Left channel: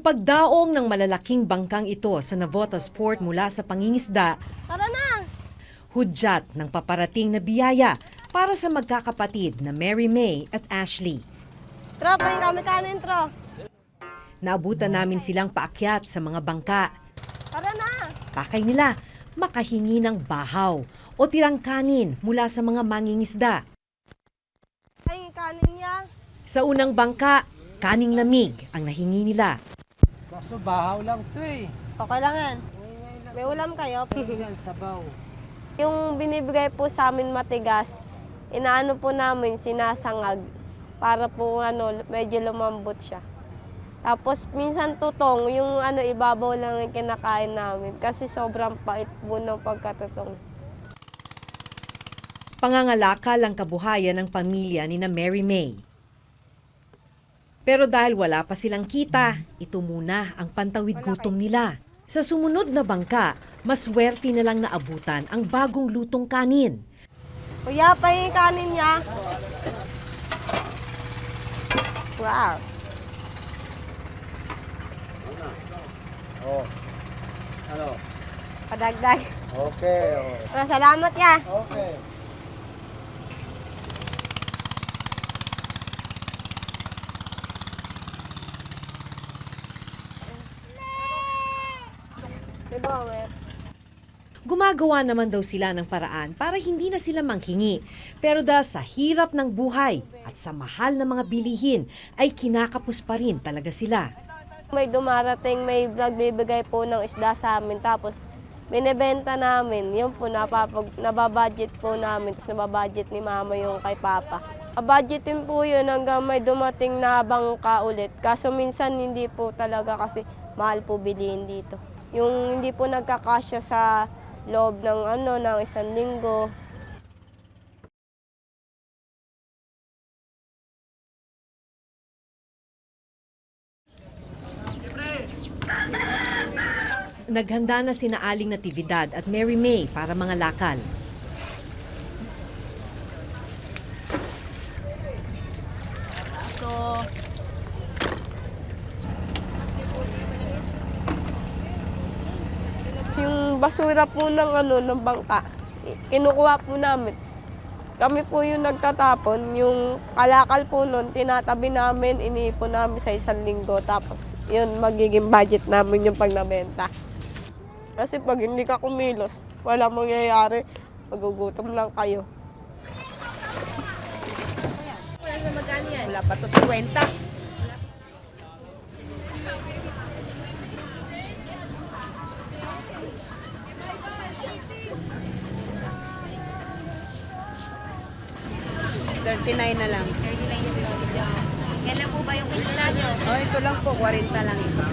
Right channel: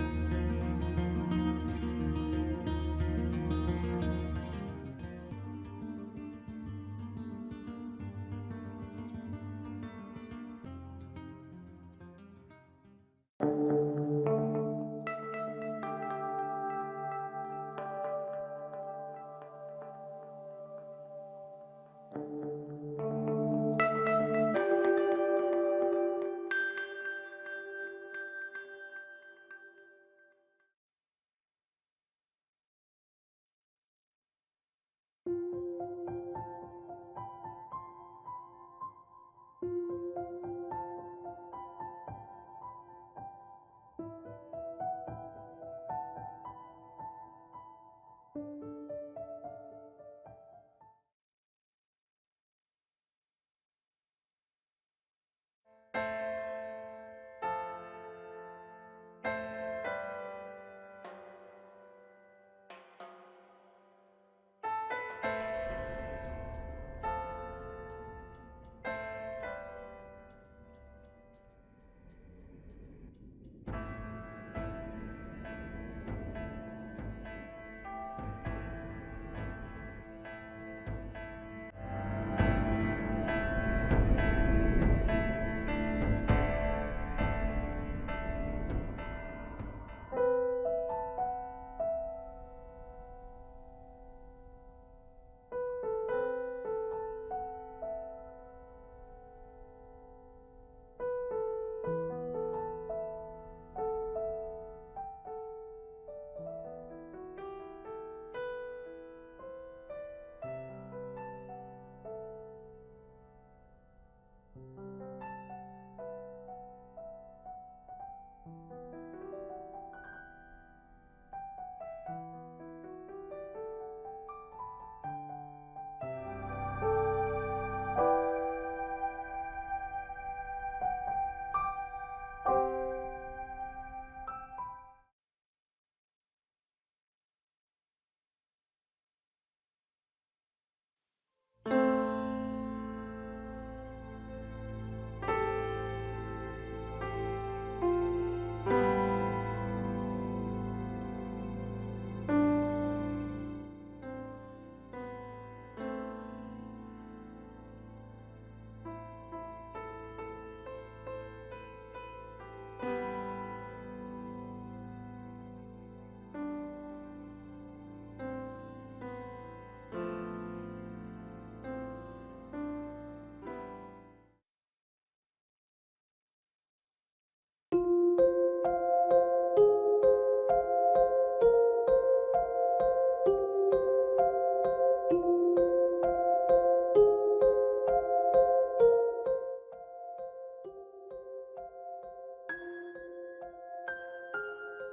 pagdaong ng malalaking bangkang ito sa Navotas Port mula sa pangingisda, Tara na! hudyat ng paparating na biyaya para sa magkakapatid na Mary May at Ashley. Tro, pahin kami kanin, Tro. Naabutan namin silang paakyat sa mga bangka. Tara na! Pakay nila makahingi ng bahaw o tirang kanin mula sa mga mangingisda. Pahin kanin niya. Sa unang bangka, kaning lamig ang nahingi nila. Kaso bahaw lang to eh. Okay lang yan. May ulam kayo? Yan, sabaw. Yung binibigay po sa amin matigas, inaano po namin, sinasangag para po medyo lumambot siya. Tapos minsan tutong, yung ibabaw lang yung kinakain namin kasi sobrang pait po ng pagkatutong. Pangangalakal ang kabuhayan ng pamilya ni na Mary May. Pero dahil wala pa silang kita, ito muna ang pantawid gutom nila. Sa sumunod na bangka, maswerte na lang naabutan ang bagong lutong kanin. Kuya, pahin kanin niya. Wow. Oh. Ano? Padagdag. Okay. Oh. Salamat ya. Okay. Gumagawa naman daw sila ng paraan para hindi na sila manghingi. Pero dahil sa hirap ng buhay at sa mahal na mga bilihin, ay kinakapos pa rin talaga sila. May dumarating, may nagbibigay po ng isda sa amin. Tapos binibenta namin. Yun po, nababudget po namin. Tapos nababudget ni mama yung kay papa. Budgetin po yun hanggang may dumating na bangka ulit. Kaso minsan hindi po talaga kasi mahal po bilihin dito. Yung hindi po nagkakasya sa loob ng ng isang linggo. Naghanda na sina Aling Natividad at Mary May para mga lakal. Yung basura po ng bangka, kinukuha po namin. Kami po yung nagtatapon, yung kalakal po nun, tinatabi namin, iniipon namin sa isang linggo. Tapos yun, magiging budget namin yung pag nabenta. Kasi pag hindi ka kumilos, wala mangyayari, magugutom lang kayo. Wala pa to 50. $39 na lang. Kailan po ba yung kilala nyo? Oh, ito lang po, 40 lang ito.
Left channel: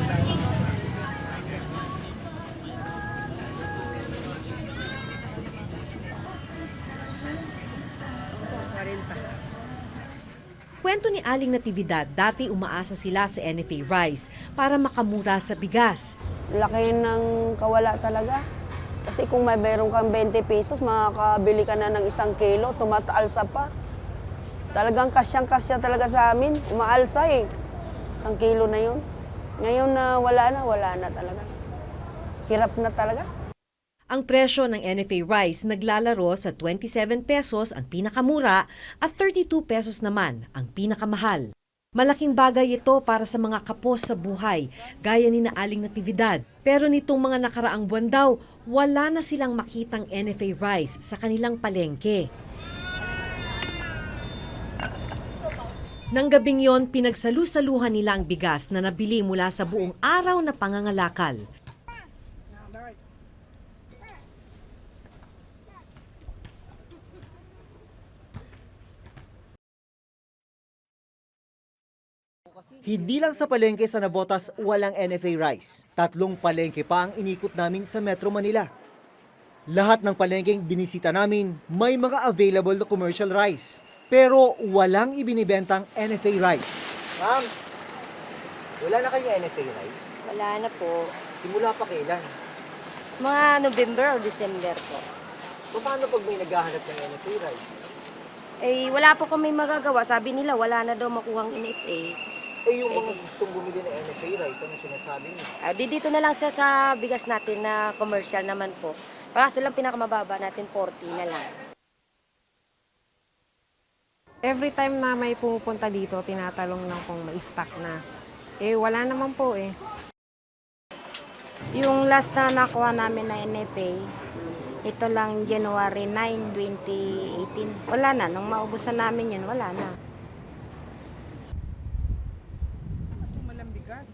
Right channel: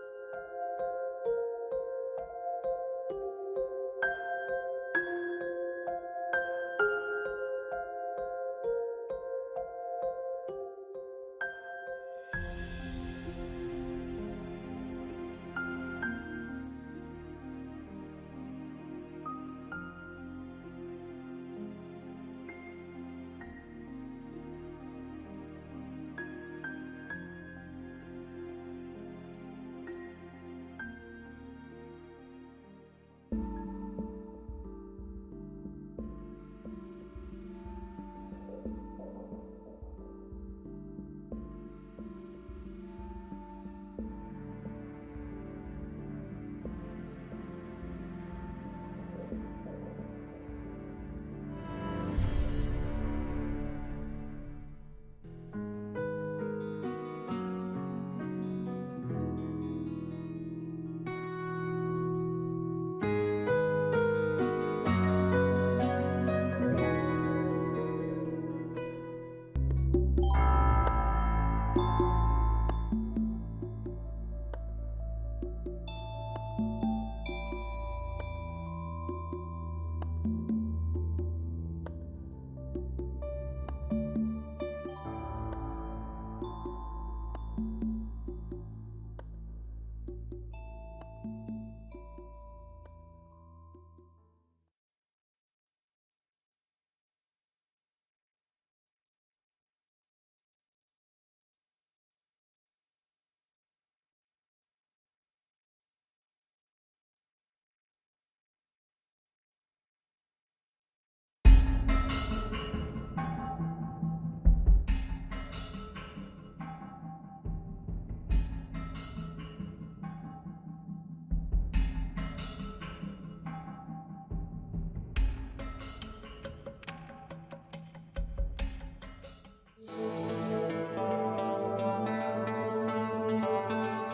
Kwento ni Aling Natividad, dati umaasa sila sa NFA Rice para makamura sa bigas. Laki ng kawala talaga. Kasi kung may mayroon kang 20 pesos, makakabili ka na ng 1 kilo, tumataalsa pa. Talagang kasyang-kasya talaga sa amin. Umaalsa eh. 1 kilo na yun. Ngayon na wala na talaga. Hirap na talaga. Ang presyo ng NFA Rice naglalaro sa 27 pesos ang pinakamura at 32 pesos naman ang pinakamahal. Malaking bagay ito para sa mga kapos sa buhay, gaya ni na Aling Natividad. Pero nitong mga nakaraang buwan daw, wala na silang makitang NFA Rice sa kanilang palengke. Nang gabing yon, pinagsalu-saluhan nila ang bigas na nabili mula sa buong araw na pangangalakal. Hindi lang sa palengke sa Navotas walang NFA Rice. 3 palengke pa ang inikot namin sa Metro Manila. Lahat ng palengkeng binisita namin may mga available na commercial rice. Pero walang ibinibentang NFA Rice. Ma'am, wala na kayong NFA Rice? Wala na po. Simula pa kailan? Mga November o December po. Paano pag may naghahanap ng NFA Rice? Eh, wala po kami magagawa. Sabi nila, wala na daw makuhang NFA. Eh yung mga gustong bumili ng NFA rice, ano sinasabi niyo? Dito na lang sa bigas natin na commercial naman po. Kaso lang pinakamababa natin 40 na lang. Every time na may pumupunta dito, tinatalong lang kung may stock na. Eh, wala naman po eh. Yung last na nakuha namin na NFA, ito lang January 9, 2018. Wala na, nung maubusan namin yun, wala na.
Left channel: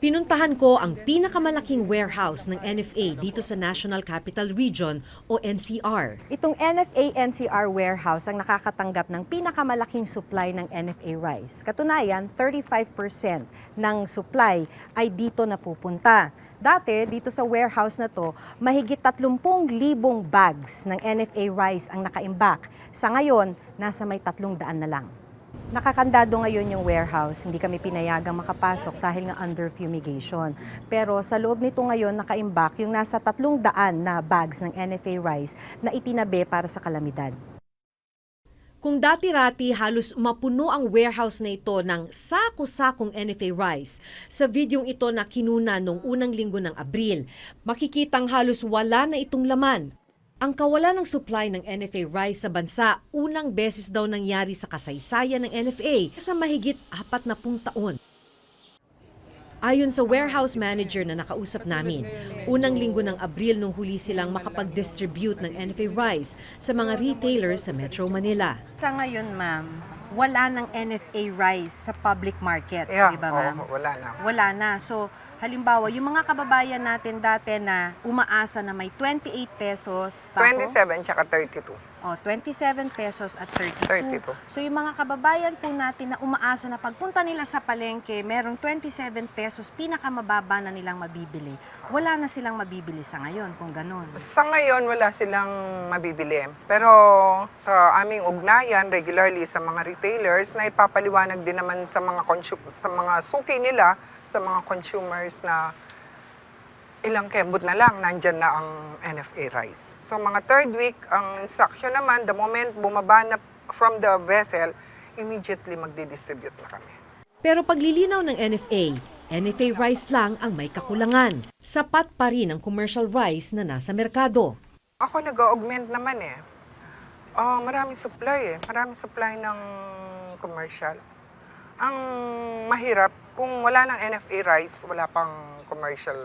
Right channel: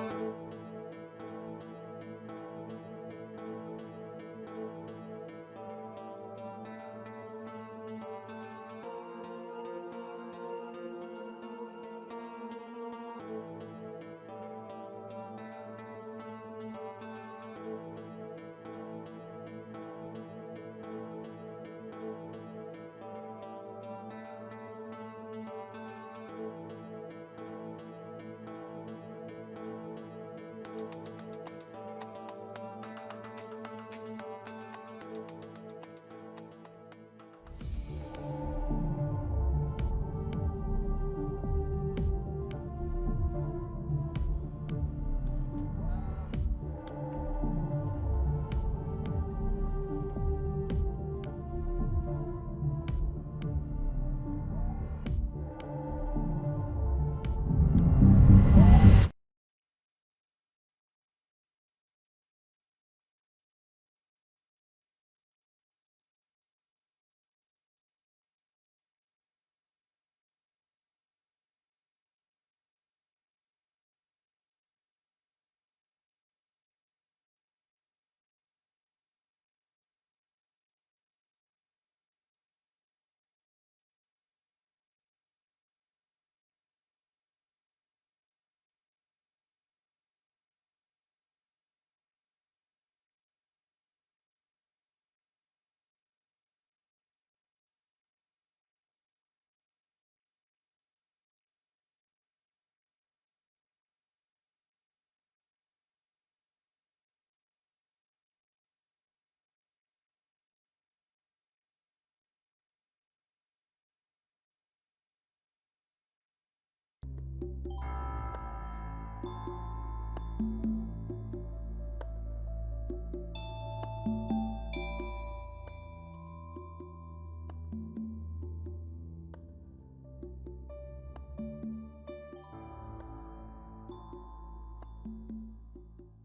Pinuntahan ko ang pinakamalaking warehouse ng NFA dito sa National Capital Region o NCR. Itong NFA-NCR warehouse ang nakakatanggap ng pinakamalaking supply ng NFA rice. Katunayan, 35% ng supply ay dito napupunta. Dati, dito sa warehouse na to, mahigit 30,000 bags ng NFA rice ang nakaimbak. Sa ngayon, nasa may 300 na lang. Nakakandado ngayon yung warehouse, hindi kami pinayagang makapasok dahil nga under fumigation. Pero sa loob nito ngayon nakaimbak yung nasa 300 na bags ng NFA rice na itinabi para sa kalamidad. Kung dati-rati halos mapuno ang warehouse na ito ng sako-sakong NFA rice, sa videong ito na kinuna noong unang linggo ng Abril, makikitang halos wala na itong laman. Ang kawalan ng supply ng NFA rice sa bansa, unang beses daw nangyari sa kasaysayan ng NFA sa mahigit 40 taon. Ayon sa warehouse manager na nakausap namin, unang linggo ng Abril nung huli silang makapag-distribute ng NFA rice sa mga retailers sa Metro Manila. Sa ngayon, ma'am, wala ng NFA rice sa public markets, di ba, ma'am? Wala na. Wala na. So, halimbawa, yung mga kababayan natin dati na umaasa na may 28 pesos. 27 tsaka 32. 27 pesos at 32. 32. So yung mga kababayan po natin na umaasa na pagpunta nila sa palengke, merong 27 pesos, pinakamababa na nilang mabibili. Wala na silang mabibili sa ngayon kung ganun. Sa ngayon, wala silang mabibili. Pero sa aming ugnayan, regularly sa mga retailers, na ipapaliwanag din naman sa mga suki nila, sa mga consumers na ilang kembot na lang, nandyan na ang NFA rice. So mga third week, ang instruction naman, the moment bumaba na from the vessel, immediately magdi-distribute na kami. Pero paglilinaw ng NFA rice lang ang may kakulangan. Sapat pa rin ang commercial rice na nasa merkado. Ako nag-augment naman eh. Maraming supply eh. Maraming supply ng commercial. Ang mahirap, kung wala ng NFA rice, wala pang commercial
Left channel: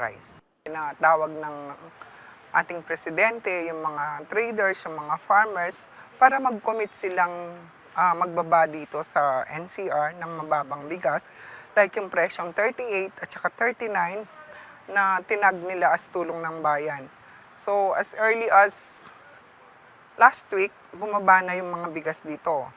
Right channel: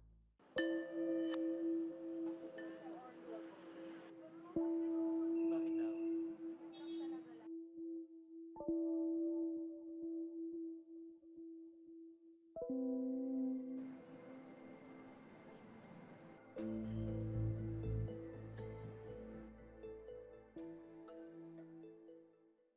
rice. Tinatawag ng ating presidente, yung mga traders, yung mga farmers, para mag-commit silang magbaba dito sa NCR ng mababang bigas, like yung presyong 38 at saka 39 na tinag nila as tulong ng bayan. So as early as last week, bumaba na yung mga bigas dito.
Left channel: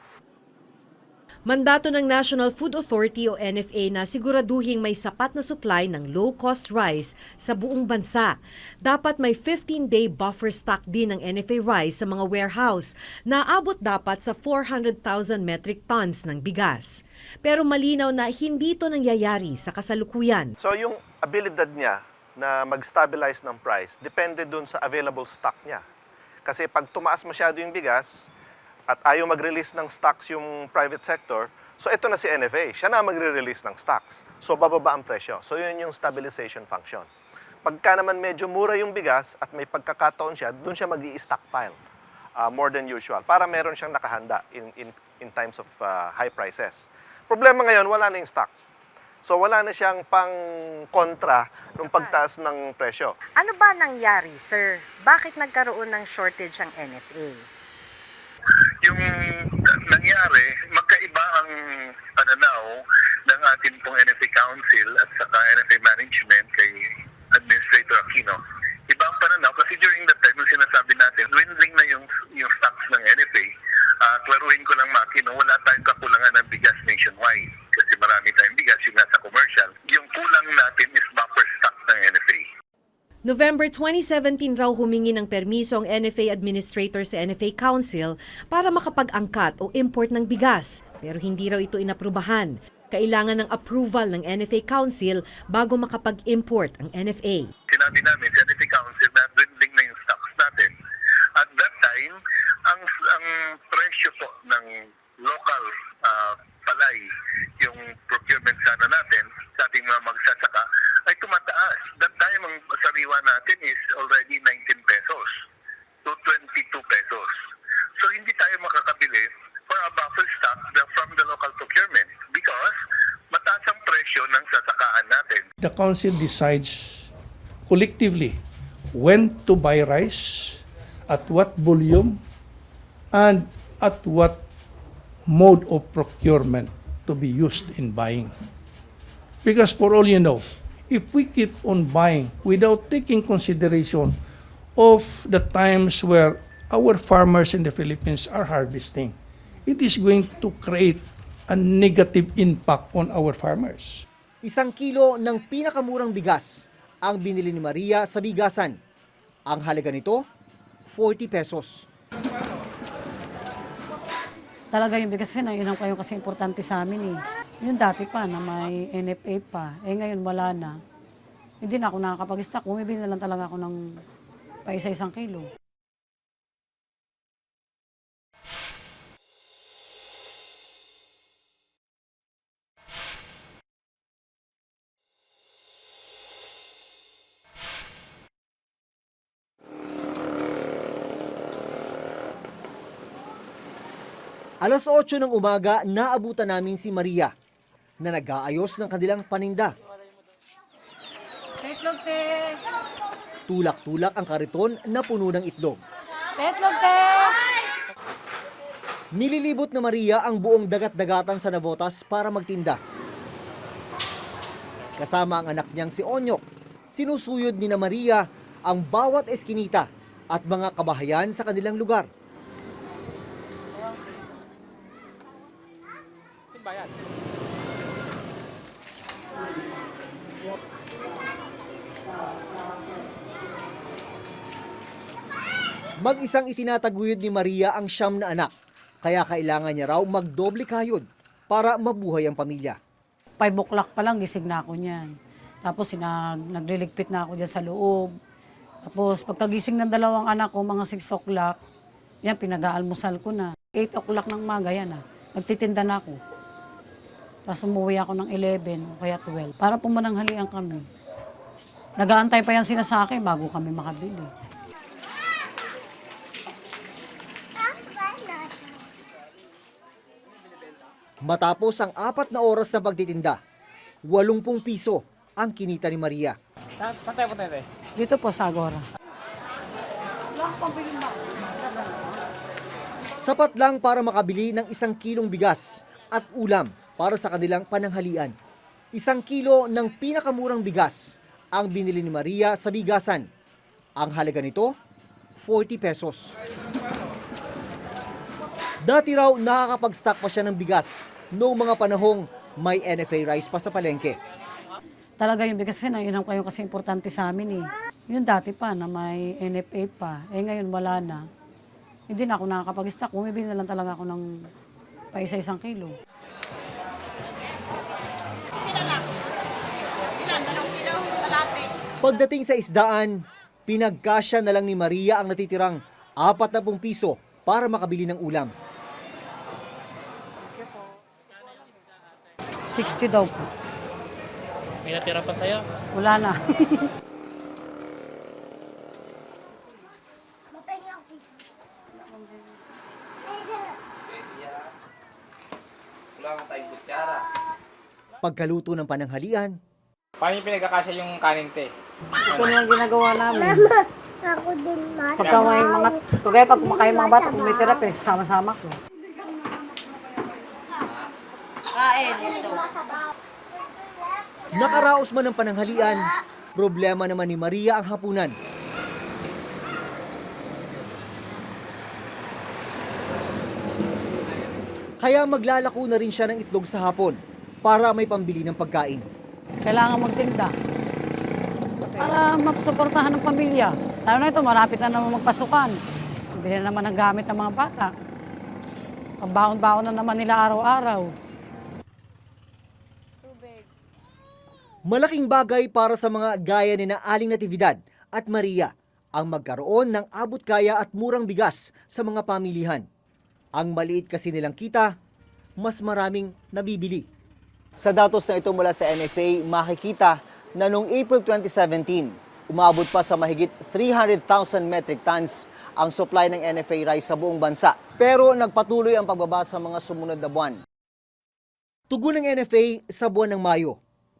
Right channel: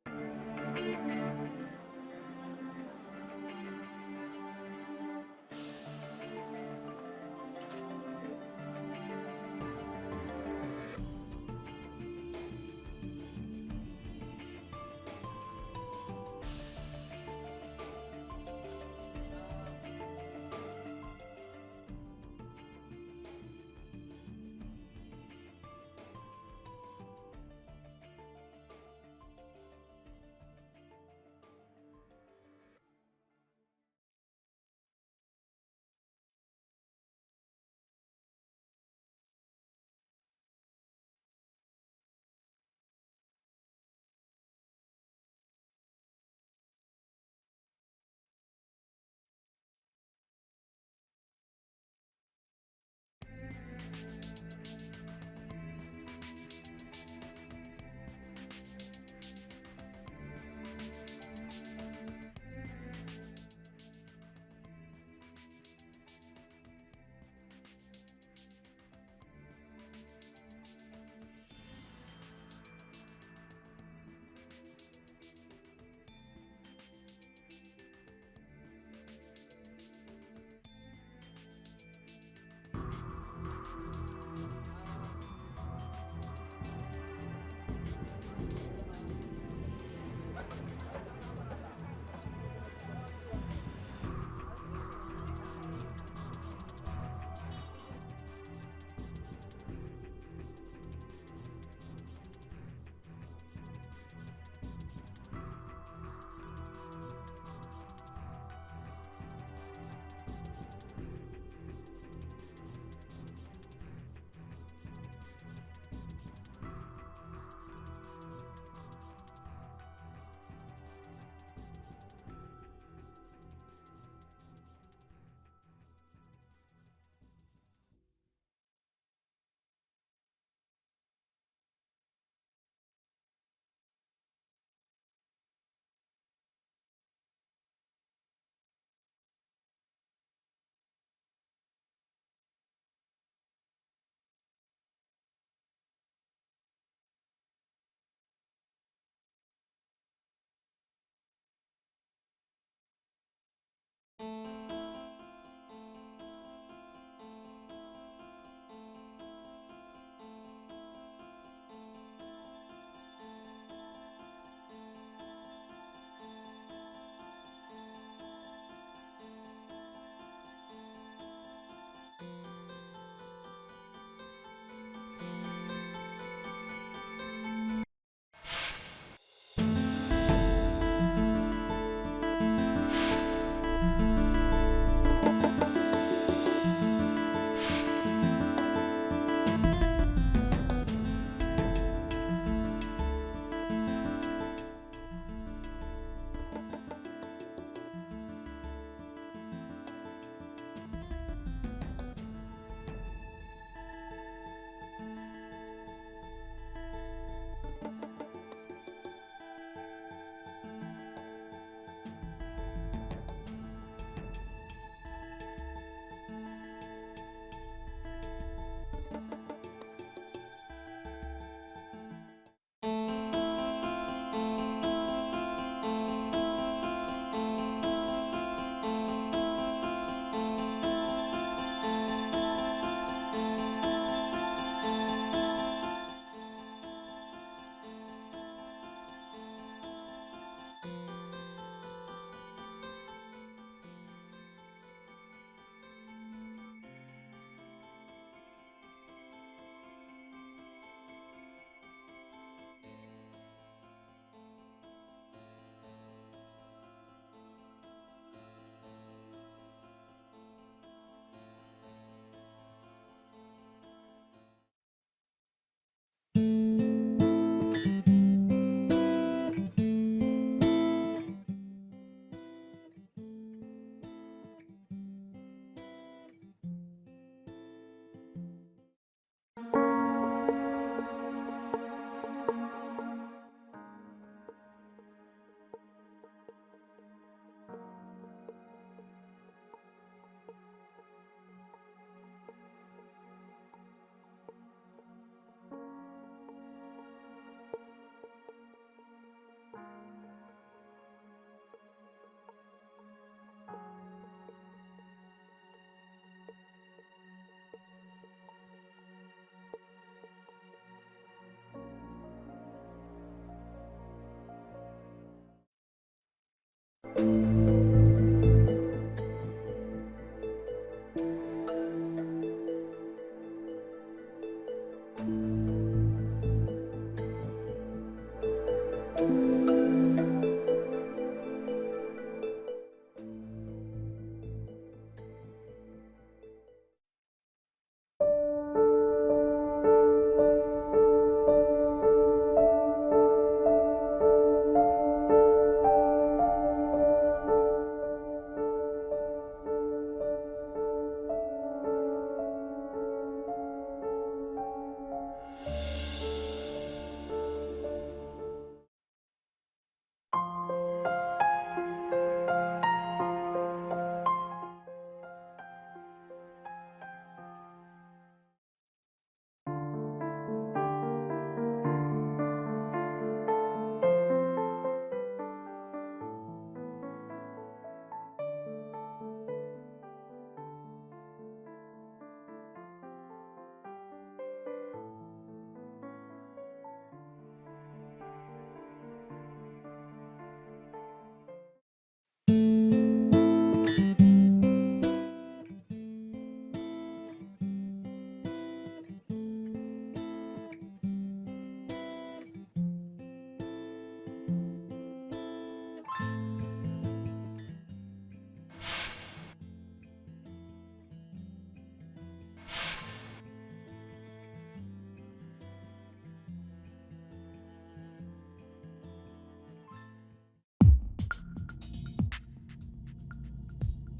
Mandato ng National Food Authority o NFA na siguraduhing may sapat na supply ng low-cost rice sa buong bansa. Dapat may 15-day buffer stock din ng NFA rice sa mga warehouse na aabot dapat sa 400,000 metric tons ng bigas. Pero malinaw na hindi ito nangyayari sa kasalukuyan. So yung abilidad niya na mag-stabilize ng price depende dun sa available stock niya. Kasi pag tumaas masyado yung bigas, at ayaw mag-release ng stocks yung private sector, so ito na si NFA, siya na magre-release ng stocks. So bababa ang presyo. So yun yung stabilization function. Pagka naman medyo mura yung bigas at may pagkakataon siya, doon siya mag-i-stockpile more than usual para meron siyang nakahanda in times of high prices. Problema ngayon, wala na yung stock. So wala na siyang pang-kontra ng pagtaas ng presyo. Ano ba nangyari, sir? Bakit nagkaroon ng shortage ang NFA? Yung nangyari, magkaiba ang pananaw ng ating pong NFA Council at saka NFA Management kay Administrator Aquino. Iba ang pananaw kasi during that time, nung sinasabi natin, dwindling na yung stocks ng NFA, klaruhin ko lang Aquino, wala tayong kakulangan ng bigas nationwide kasi marami tayong bigas yung nasa commercial. Yung kulang natin is buffer stock ng NFA. November 2017 raw humingi ng permiso ang NFA Administrator sa NFA Council para makapag-angkat o import ng bigas. Pero hindi raw ito inaprubahan. Kailangan ng approval ng NFA Council bago makapag-import ang NFA. Sinabi namin sa NFA Council na dwindling na yung stocks natin. At that time, ang presyo po ng local palay, yung procurement sana natin, the council decides collectively when to buy rice, at what volume, and at what mode of procurement to be used in buying. Because for all you know, if we keep on buying without taking consideration of the times where our farmers in the Philippines are harvesting, it is going to create a negative impact on our farmers. 1 kilo ng pinakamurang bigas ang binili ni Maria sa bigasan. Ang halaga nito, 40 pesos. Talaga yung bigas kasi yun ang kayo kasi importante sa amin eh. Yung dati pa na may NFA pa, ngayon wala na. Hindi na ako nakakapag-stock, bumibili na lang talaga ako ng paisa-1 kilo. Alas 8 ng umaga, naabutan namin si Maria na nag-aayos ng kanilang paninda. Itlog, te! Tulak-tulak ang kariton na puno ng itlog. Itlog, te! Nililibot na Maria ang buong dagat-dagatan sa Navotas para magtinda. Kasama ang anak niyang si Onyok, sinusuyod ni na Maria ang bawat eskinita at mga kabahayan sa kanilang lugar. Mag-isang itinataguyod ni Maria ang 9 na anak, kaya kailangan niya raw magdoble kayod para mabuhay ang pamilya. 5 o'clock pa lang gising na ako niyan. Tapos nagliligpit na ako dyan sa loob. Tapos pagkagising ng 2 anak ko, mga 6 o'clock, yan, pinag-aalmusal ko na. 8 o'clock ng maga, yan nagtitinda na ako. Tapos umuwi ako ng 11 o kaya 12 para pumananghalian kami. Nag-aantay pa yan sila sa akin bago kami makabili. Matapos ang 4 na oras na pagtitinda, 80 piso ang kinita ni Maria. Saan tayo po tayo? Dito po sa Agora. Sapat lang para makabili ng 1 kilong bigas at ulam para sa kanilang pananghalian. 1 kilo ng pinakamurang bigas ang binili ni Maria sa bigasan. Ang halaga nito, 40 pesos. Dati raw nakakapag-stock pa siya ng bigas noong mga panahong may NFA rice pa sa palengke. Talaga yung bigas kasi yun ang kayo kasi importante sa amin eh. Yung dati pa na may NFA pa, ngayon wala na. Hindi na ako nakakapag-stock, bumibili na lang talaga ako ng paisa-1 kilo. Pagdating sa isdaan, pinagkasya na lang ni Maria ang natitirang 40 piso para makabili ng ulam. 60 daw po. May natira pa sa'yo? Wala na. Pagkaluto ng pananghalian, Paano yung pinagkakasya yung kanin, te? Ito na ang ginagawa namin. Ako din, ma. Pagka may mga, kaya pag kumakain mga bata, tumitira pa, sama-sama ko. nakaraos man ang pananghalian, problema naman ni Maria ang hapunan. Kaya maglalako na rin siya ng itlog sa hapon para may pambili ng pagkain. Kailangan magtinda para masuportahan ng pamilya. Lalo na ito, malapit na naman magpasukan. Bili na naman ng gamit ng mga bata. Pambaon-baon na naman nila araw-araw. Malaking bagay para sa mga gaya ni na Aling Natividad at Maria ang magkaroon ng abot-kaya at murang bigas sa mga pamilihan. Ang maliit kasi nilang kita, mas maraming nabibili. Sa datos na ito mula sa NFA, makikita na noong April 2017, umabot pa sa mahigit 300,000 metric tons ang supply ng NFA rice sa buong bansa. Pero nagpatuloy ang pagbaba sa mga sumunod na buwan. Tugon ng NFA sa buwan ng Mayo,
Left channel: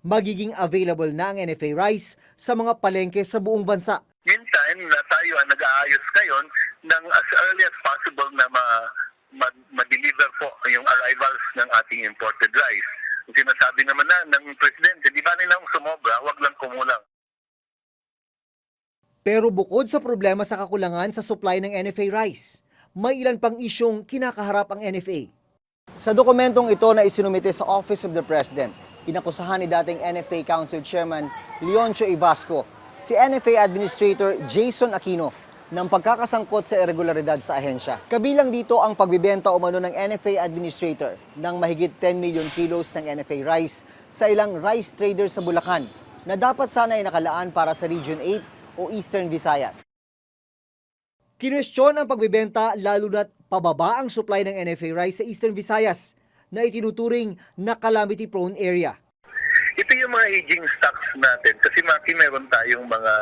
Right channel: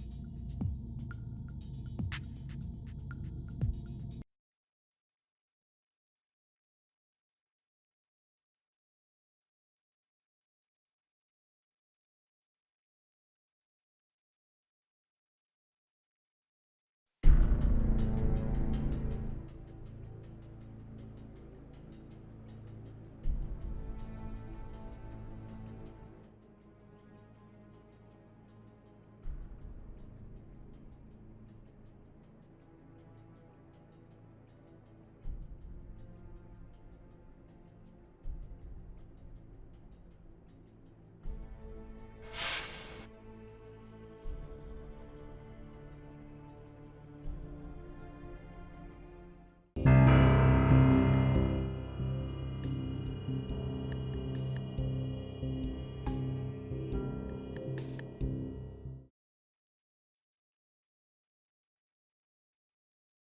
magiging available na ang NFA rice sa mga palengke sa buong bansa. Meantime, na tayo ang nag-aayos ngayon ng as early as possible na ma-deliver po yung arrivals ng ating imported rice. Sinasabi naman ng Presidente, di ba nilang sumobra, wag lang kumulang. Pero bukod sa problema sa kakulangan sa supply ng NFA rice, may ilan pang isyong kinakaharap ang NFA. Sa dokumentong ito na isinumite sa Office of the President, inakusahan ni dating NFA Council Chairman Leoncio Ibasco si NFA Administrator Jason Aquino ng pagkakasangkot sa irregularidad sa ahensya. Kabilang dito ang pagbibenta umano ng NFA Administrator ng mahigit 10 million kilos ng NFA rice sa ilang rice traders sa Bulacan na dapat sana ay nakalaan para sa Region 8 o Eastern Visayas. Kinwestiyon ang pagbibenta lalo na't pababa ang supply ng NFA rice sa Eastern Visayas na itinuturing na calamity-prone area. Ito yung mga aging stocks natin kasi meron tayong mga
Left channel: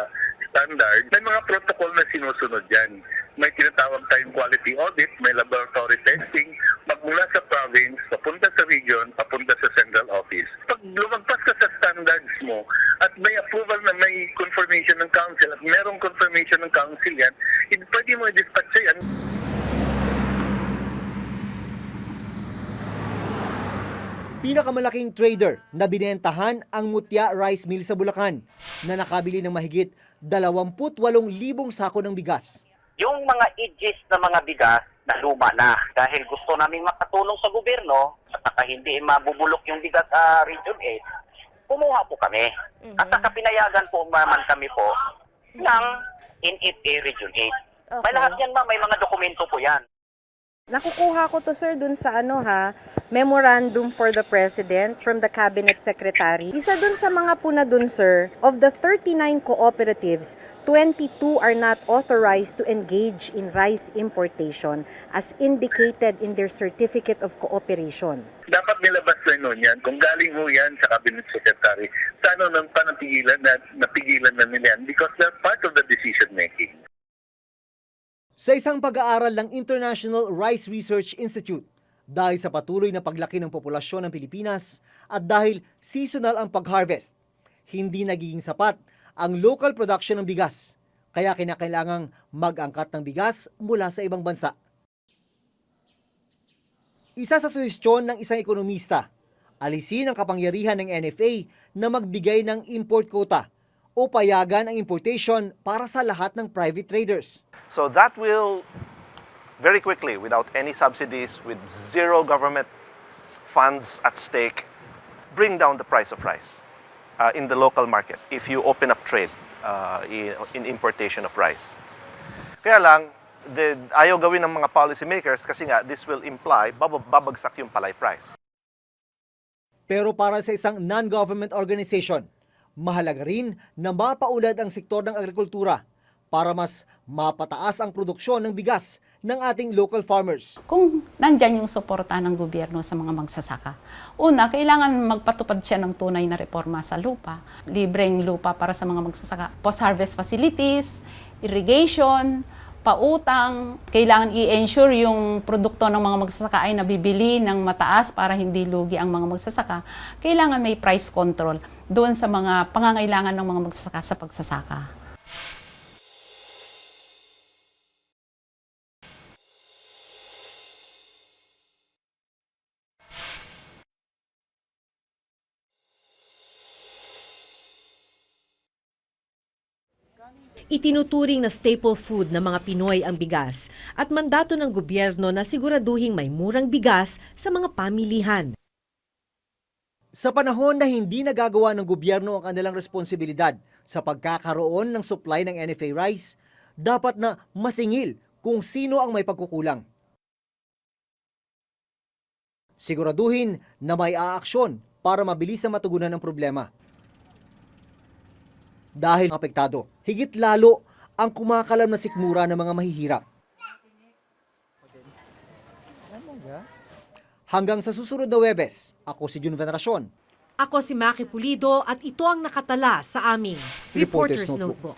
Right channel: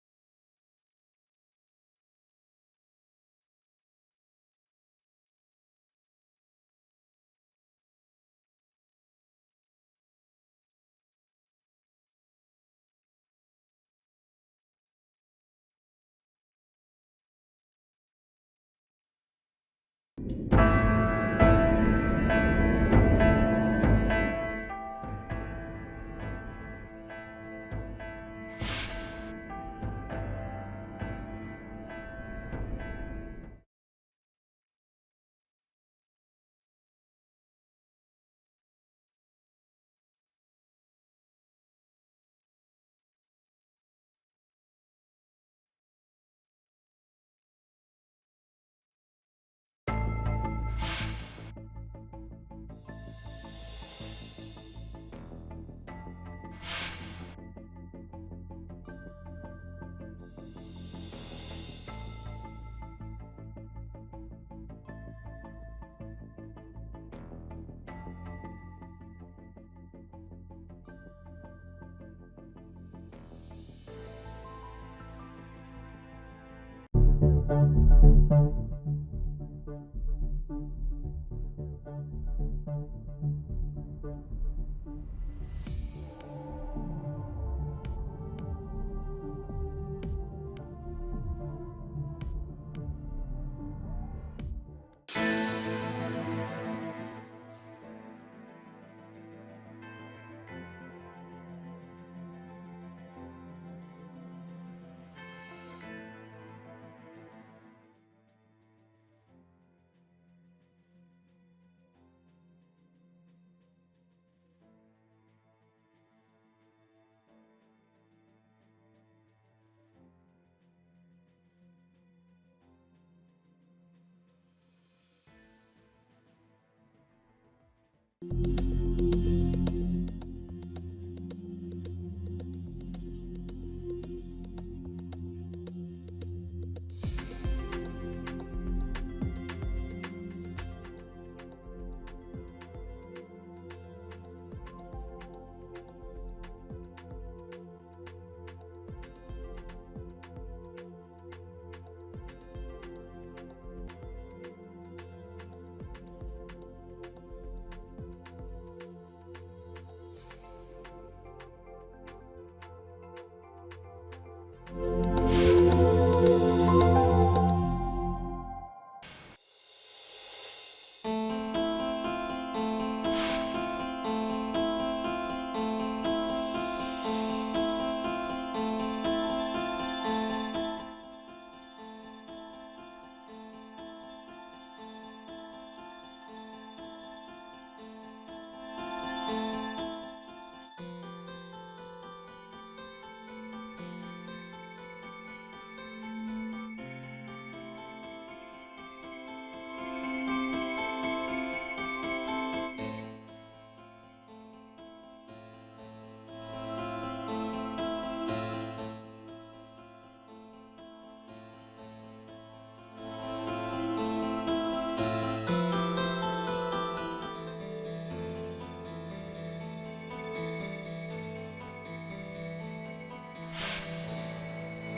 standard. May mga protocol na sinusunod yan. May tinatawag tayong quality audit, may laboratory testing, magmula sa province, papunta sa region, papunta sa central office. Pag lumagpas ka sa standards mo at may approval na may confirmation ng council at merong confirmation ng council yan, pwede mo i-dispatch yan. Pinakamalaking trader na binentahan ang Mutya Rice Mill sa Bulacan na nakabili ng mahigit 28,000 sako ng bigas. Yung mga edges na mga bigas na luma na dahil gusto naming makatulong sa gobyerno at saka hindi mabubulok yung bigas sa Region 8, kumuha po kami. At saka pinayagan po naman kami po ng NFA Region 8. May lahat yan may mga dokumento po yan. Nakukuha ko to sir dun sa memorandum for the President from the Cabinet Secretary. Isa dun sa mga puna dun sir, of the 39 cooperatives, 22 are not authorized to engage in rice importation as indicated in their Certificate of Cooperation. Dapat nilabas na nun yan. Kung galing ho yan sa Cabinet Secretary, sana nang panapigilan na nila yan because they're part of the decision making. Sa isang pag-aaral ng International Rice Research Institute, dahil sa patuloy na paglaki ng populasyon ng Pilipinas at dahil seasonal ang pag-harvest, hindi nagiging sapat ang local production ng bigas. Kaya kinakailangang mag-angkat ng bigas mula sa ibang bansa. Isa sa suhestyon ng isang ekonomista, alisin ang kapangyarihan ng NFA na magbigay ng import quota o payagan ang importation para sa lahat ng private traders. So that will very quickly, without any subsidies, with zero government funds at stake, bring down the price of rice in the local market if you open up trade in importation of rice. Kaya lang, ayaw gawin ng mga policymakers kasi nga this will imply babagsak yung palay price. Pero para sa isang non-government organization, mahalaga rin na mapaunlad ang sektor ng agrikultura para mas mapataas ang produksyon ng bigas ng ating local farmers. Kung nandyan yung suporta ng gobyerno sa mga magsasaka, una, kailangan magpatupad siya ng tunay na reforma sa lupa. Libreng lupa para sa mga magsasaka. Post-harvest facilities, irrigation, pautang. Kailangan i-ensure yung produkto ng mga magsasaka ay nabibili ng mataas para hindi lugi ang mga magsasaka. Kailangan may price control doon sa mga pangangailangan ng mga magsasaka sa pagsasaka. Itinuturing na staple food ng mga Pinoy ang bigas at mandato ng gobyerno na siguraduhing may murang bigas sa mga pamilihan. Sa panahon na hindi nagagawa ng gobyerno ang kanilang responsibilidad sa pagkakaroon ng supply ng NFA rice, dapat na masingil kung sino ang may pagkukulang. Siguraduhin na may aaksyon para mabilis na matugunan ang problema. Dahil apektado, higit lalo ang kumakalam na sikmura ng mga mahihirap. Hanggang sa susunod na Huwebes, ako si Jun Veneracion. Ako si Maki Pulido at ito ang nakatala sa aming Reporter's Notebook.